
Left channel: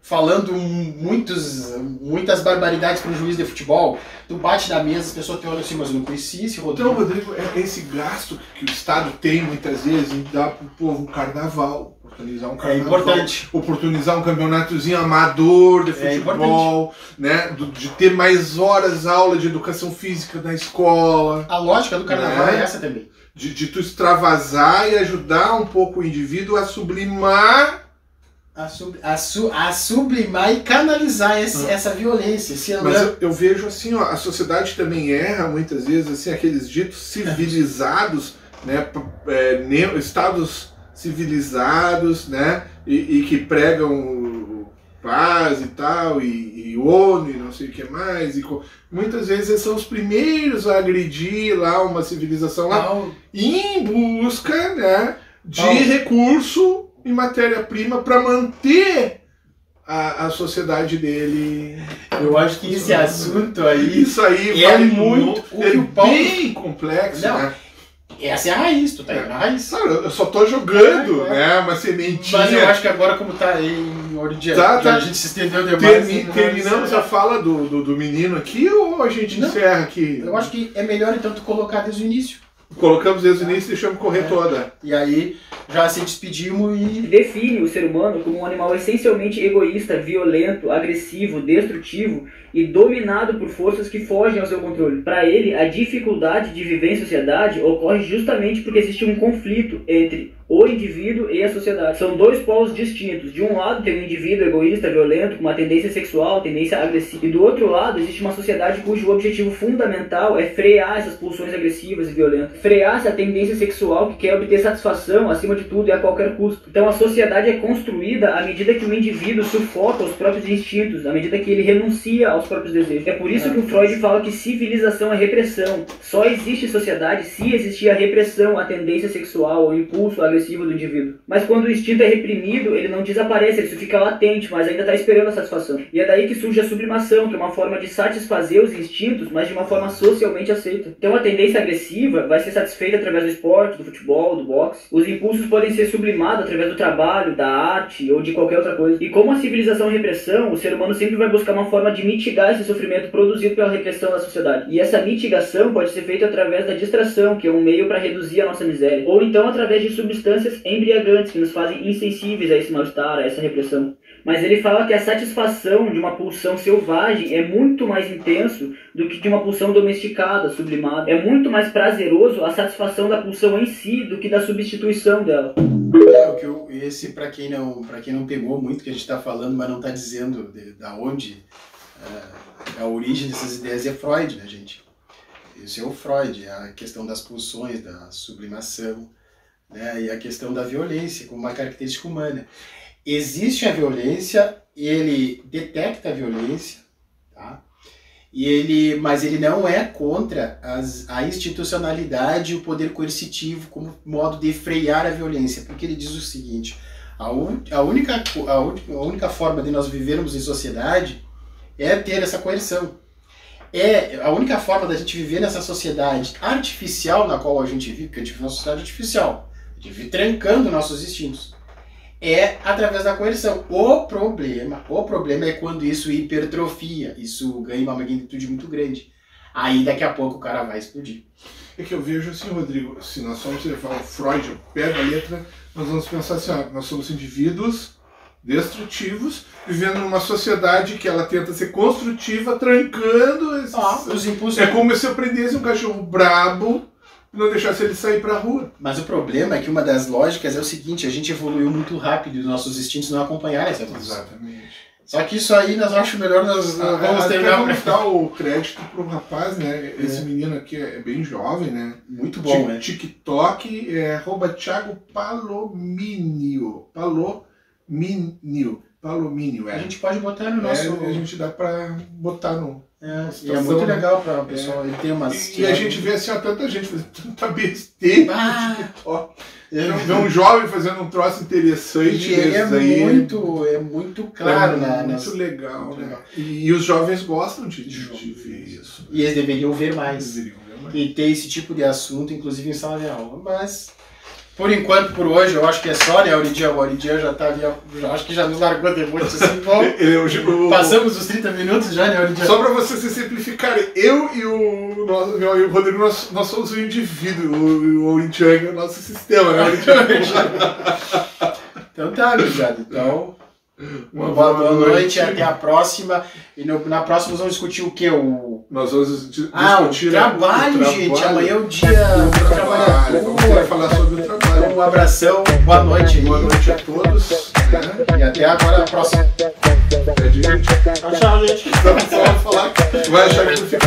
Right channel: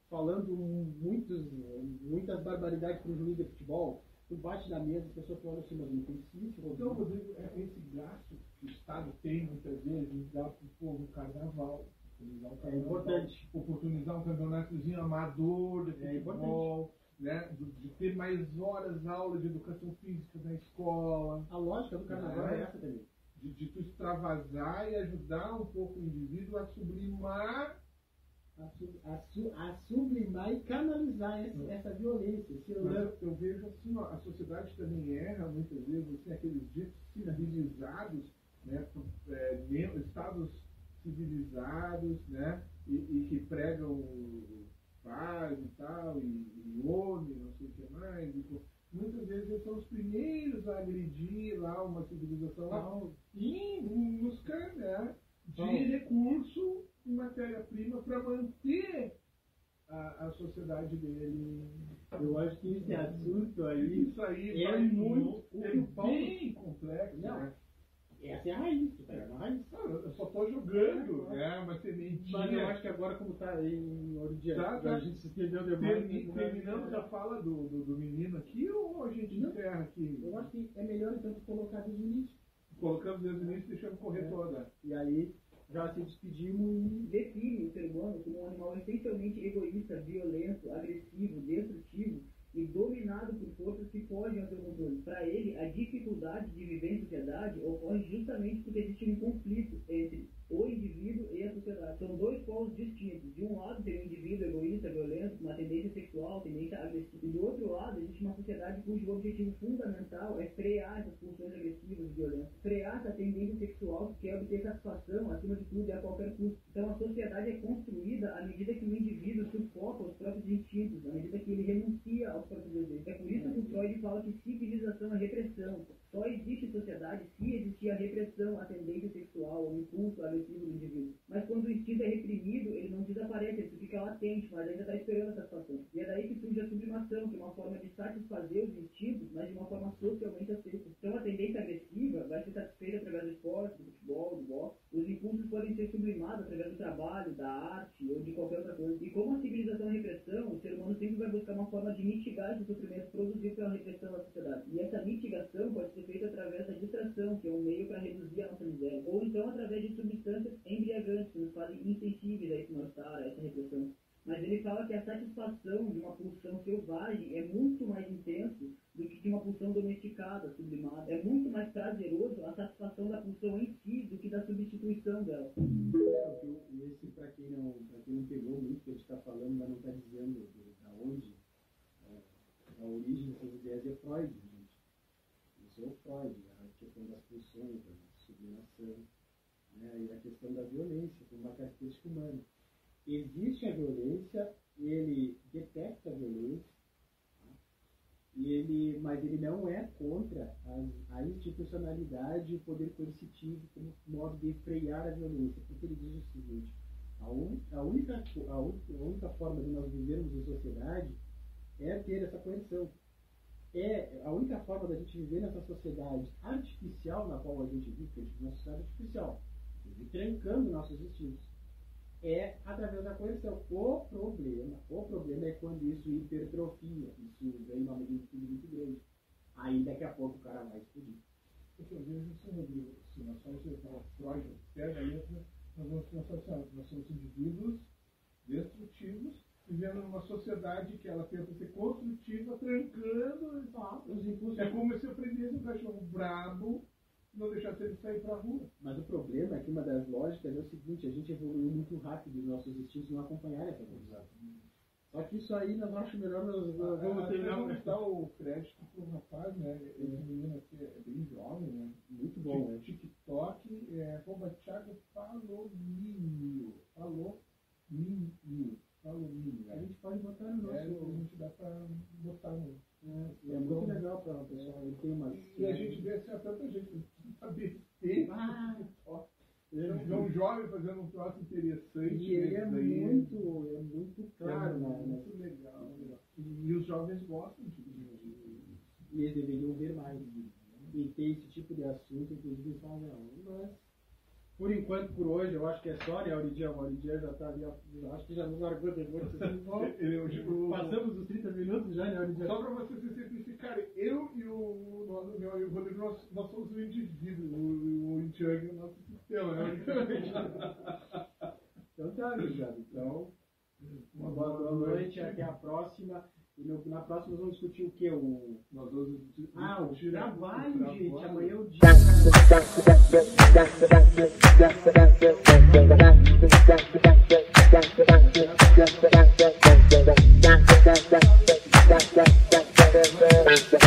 falando muitas barbaridades para um juiz de futebol. Tu bate na mesa, as pessoas te olham assim, mas eu não conheci esse Rodrigo. Então, Rodrigo, é esse gasto que o Estado tem muitas vezes em dar pro povo um carnaval. Oportunizar um carnaval, importante. Oportunizar um campeonatozinho amador de futebol, né? De ter mais horas aula de educação física na escola. A lógica do carnaval é essa também. De tu extravasar e ajudar um pouco o indivíduo a sublimar. A sublimar e canalizar essa violência. Mas eu vejo assim, ó, a sociedade também erra muitas vezes, assim, aqueles ditos civilizados, né? Estados civilizados, né, e que pregam paz e tal, e ONU e não sei o que mais, muitas vezes eles são os primeiros a agredir lá uma civilização lá, em busca, né, de recurso e matéria-prima para manter a sociedade dele. Eu acho que esse assunto aí, isso aí é muito bem complexo, né? Essa é a raiz, tu tá indo na raiz. Claro, eu só tô jogando, né, uma sementinha. Mas eu acho que agora, como tá em ordem de a gente se estendeu demais. Terminamos a fala do menino aqui ou a gente encerra aqui? Eu acho que é melhor então tu colocar desde o início. Colocamos desde o início e deixamos correr toda. E aí já se despedimos e... Define o ser humano como um animal essencialmente egoísta, violento, agressivo, destrutivo e dominado por forças que fogem ao seu controle. Para ele, a dificuldade de viver em sociedade ocorre justamente porque existe um conflito entre o indivíduo e a sociedade. São dois polos distintos. De um lado tem um indivíduo egoísta, violento, com uma tendência sexual, tendência agressiva. E do outro lado existe uma sociedade cujo objetivo fundamental é frear essas pulsões agressivas e violentas. Frear essa tendência sexual que quer obter satisfação acima de tudo e a qualquer custo. Então a sociedade é construída à medida que o indivíduo sufoca os próprios instintos, à medida que ele renuncia aos próprios desejos. É por isso que o Freud fala que civilização é repressão. Só existe sociedade se existir a repressão, a tendência sexual, o impulso agressivo do indivíduo. Mas quando o instinto é reprimido, ele não desaparece, ele só fica latente, mas ainda está esperando a satisfação. E é daí que surge a sublimação, que é uma forma de satisfazer os instintos, mas de uma forma socialmente aceita. Então a tendência agressiva vai ser satisfeita através do esporte, do futebol, do boxe. Os impulsos podem ser sublimados através do trabalho, da arte ou de qualquer outra coisa. E como a civilização é repressão, o ser humano sempre vai buscar uma forma de mitigar esse sofrimento produzido pela repressão da sociedade. E essa mitigação pode ser feita através da distração, que é um meio para reduzir a nossa miséria. Ou então através de substâncias embriagantes que nos fazem insensíveis a esse mal-estar, a essa repressão. Mas ele fala que a satisfação de uma pulsão selvagem é muito mais intenso do que de uma pulsão domesticada, sublimada. É muito mais prazeroso a satisfação da pulsão em si do que da substituição dela. Esse, para quem não pegou muito que a gente está falando, mas não está dizendo da onde a origem dessas ideias, é Freud, né, gente? Esse é o Freud, a questão das pulsões, da sublimação, né, e a questão da violência como uma característica humana. Existe a violência, ele detecta a violência, tá? Mas ele não é contra a institucionalidade e o poder coercitivo como modo de frear a violência, porque ele diz o seguinte: a única forma de nós vivermos em sociedade é ter essa coerção. A única forma da gente viver nessa sociedade artificial na qual a gente vive, porque a gente vive numa sociedade artificial, a gente vive trancando nossos instintos, é através da coerção. O problema é quando isso hipertrofia, isso ganha uma magnitude muito grande. Aí daqui a pouco o cara vai explodir. É que eu vejo assim, Rodrigo, se nós formos levar o Freud, pega a letra, nós vamos pensar assim, ó, nós somos indivíduos destrutivos, vivendo numa sociedade que ela tenta ser construtiva, trancando esses... Os impulsos. É como se eu prendesse um cachorro brabo e não deixasse ele sair pra rua. Mas o problema é que uma das lógicas é o seguinte, a gente evoluiu muito rápido e os nossos instintos não acompanharam essa evolução. Exatamente. Só que isso aí nós acho melhor nós vamos terminar. Vamos dar o crédito pro rapaz, né? Esse menino aqui é bem jovem, né? Muito bom, né? TikTok é @Thiago Palomínio. Palomínio, A gente pode botar no nosso... a gente dá pra botar no... e é muito legal para o pessoal, ele tem umas... E a gente vê assim, ó, tanta gente fazendo tanta besteira no TikTok. Vê um jovem fazendo um troço interessante. E ele é muito claro. Muito legal, né? E os jovens gostam de ver isso. E eles deveriam ver mais. E ter esse tipo de assunto, inclusive em sala de aula. Mas, por enquanto, por hoje, eu acho que é só, né? O Auridia já tá ali, acho que já nos largou depois assim, bom. Passamos os 30 minutos já, né, Auridia? Só para vocês se simplificarem, eu e o Rodrigo, nós somos o indivíduo, o Auridia é o nosso sistema, né? Então tá, gurizada. Então, uma boa noite, até a próxima. E na próxima nós vamos discutir o quê? Nós vamos discutir o trabalho, gente. Amanhã é o dia do trabalho. Vamos falar sobre o trabalho. Um abração, boa noite. Boa noite a todos. E até agora a próxima. Tchau, gente. Vamos falar que vai achar que